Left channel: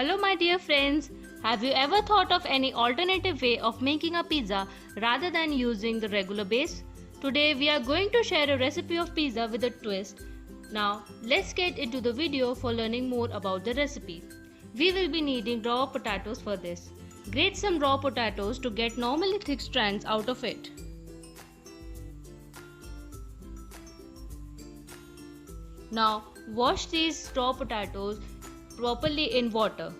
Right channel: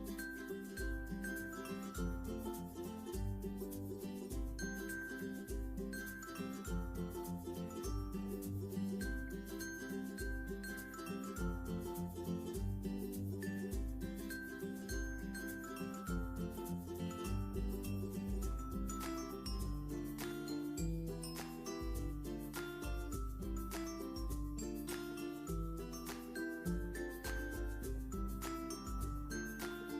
Hello, my dear friends. Have you ever thought of any alternative way of making a pizza rather than using the regular base? Today, we are going to share a recipe of pizza with a twist. Now, let's get into the video for learning more about the recipe. We will be needing raw potatoes for this. Grate some raw potatoes to get normally thick strands out of it. Now, wash these raw potatoes properly in water.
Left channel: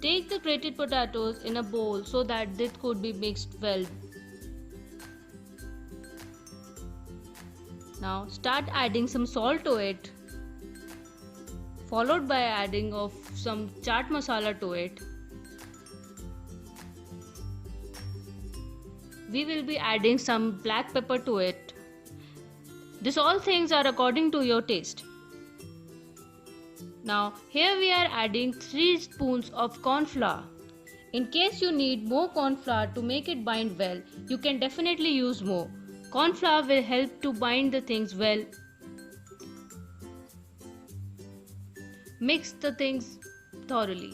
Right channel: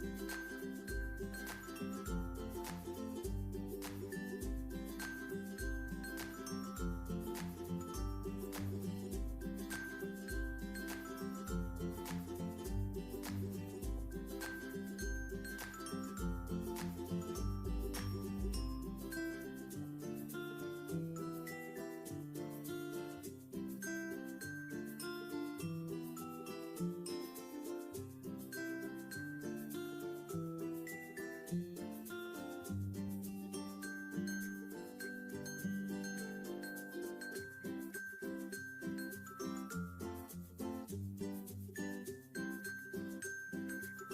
Take the grated potatoes in a bowl so that this could be mixed well. Now start adding some salt to it, followed by adding of some chaat masala to it. We will be adding some black pepper to it. These all things are according to your taste. Now here we are adding 3 spoons of corn flour. In case you need more corn flour to make it bind well, you can definitely use more. Corn flour will help to bind the things well. Mix the things thoroughly.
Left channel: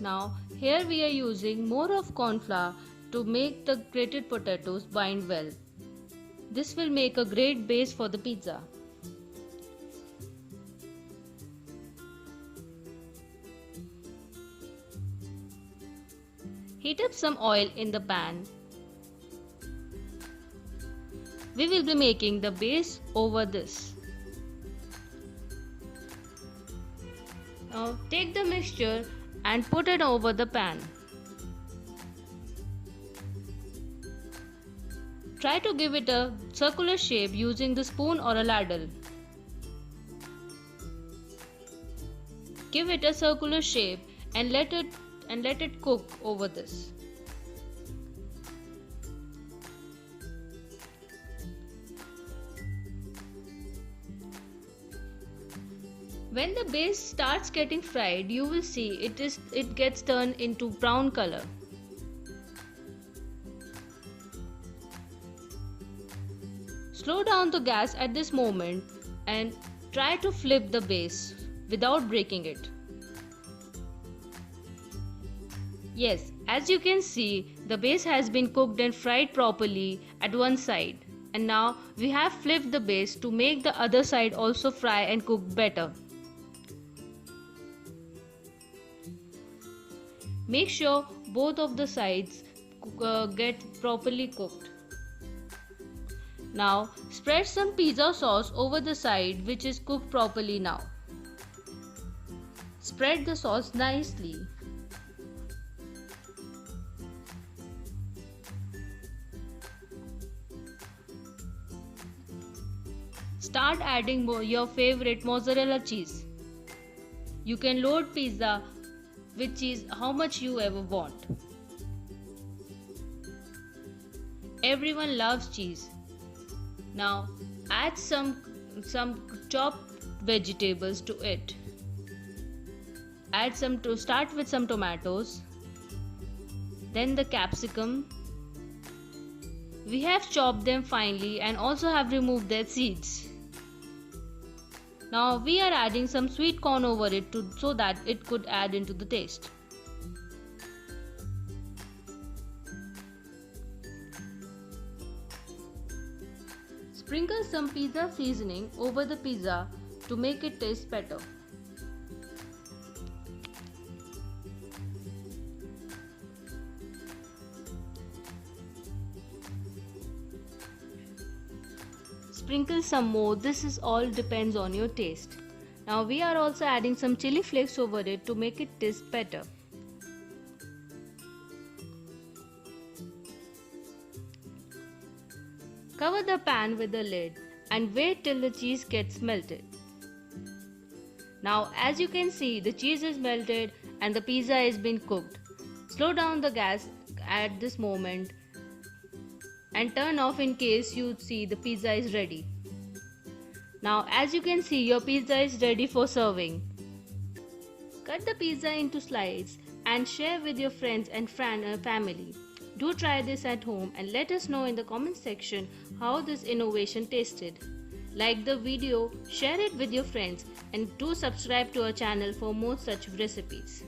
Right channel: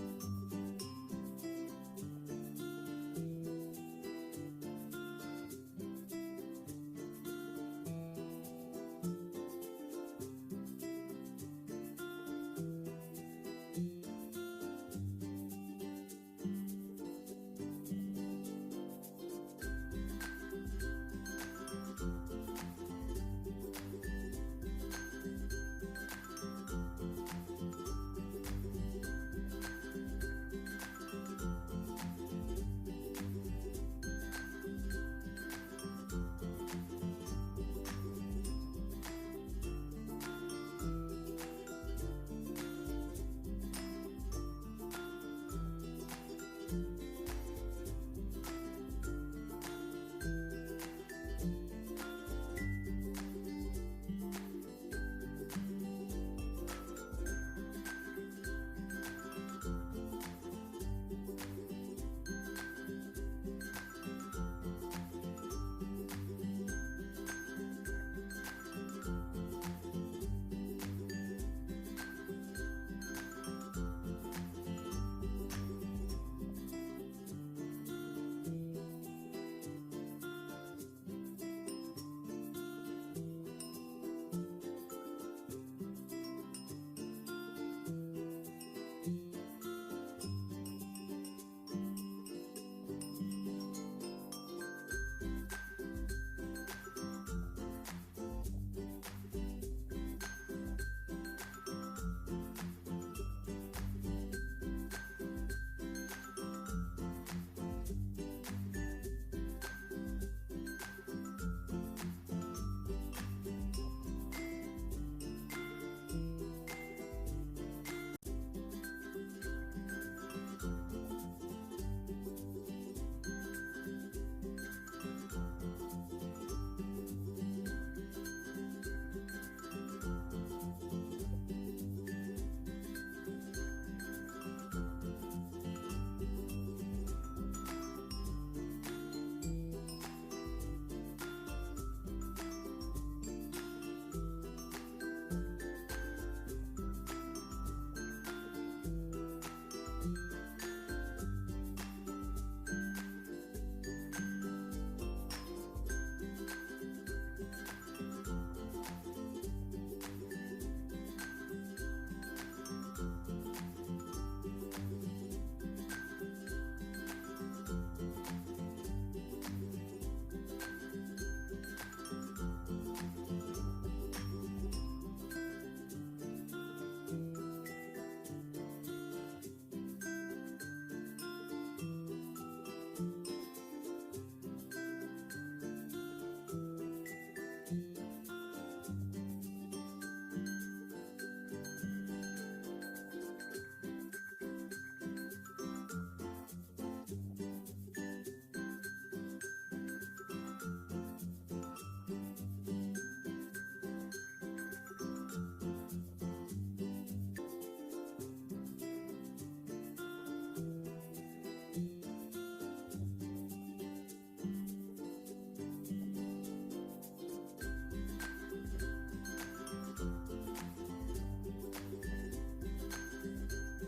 Now here we are using more of corn flour to make the grated potatoes bind well. This will make a great base for the pizza. Heat up some oil in the pan. We will be making the base over this. Now take the mixture and put it over the pan. Try to give it a circular shape using the spoon or a ladle. Give it a circular shape and let it cook over this. When the base starts getting fried, you will see it gets turned into brown color. Slow down the gas at this moment and try to flip the base without breaking it. Yes, as you can see, the base has been cooked and fried properly at one side. And now we have flipped the base to make the other side also fry and cook better. Make sure both of the sides get properly cooked. Now spread some pizza sauce over the side which is cooked properly now. Spread the sauce nicely. Start adding your favorite mozzarella cheese. You can load pizza with cheese how much you ever want. Everyone loves cheese. Now add some chopped vegetables to it. Start with some tomatoes, then the capsicum. We have chopped them finely and also have removed their seeds. Now we are adding some sweet corn over it so that it could add into the taste. Sprinkle some pizza seasoning over the pizza to make it taste better. Sprinkle some more, this is all depends on your taste. Now we are also adding some chili flakes over it to make it taste better. Cover the pan with the lid and wait till the cheese gets melted. Now as you can see, the cheese is melted and the pizza has been cooked. Slow down the gas at this moment and turn off in case you see the pizza is ready. Now as you can see, your pizza is ready for serving. Cut the pizza into slices and share with your friends and family. Do try this at home and let us know in the comment section how this innovation tasted. Like the video, share it with your friends, and do subscribe to our channel for more such recipes.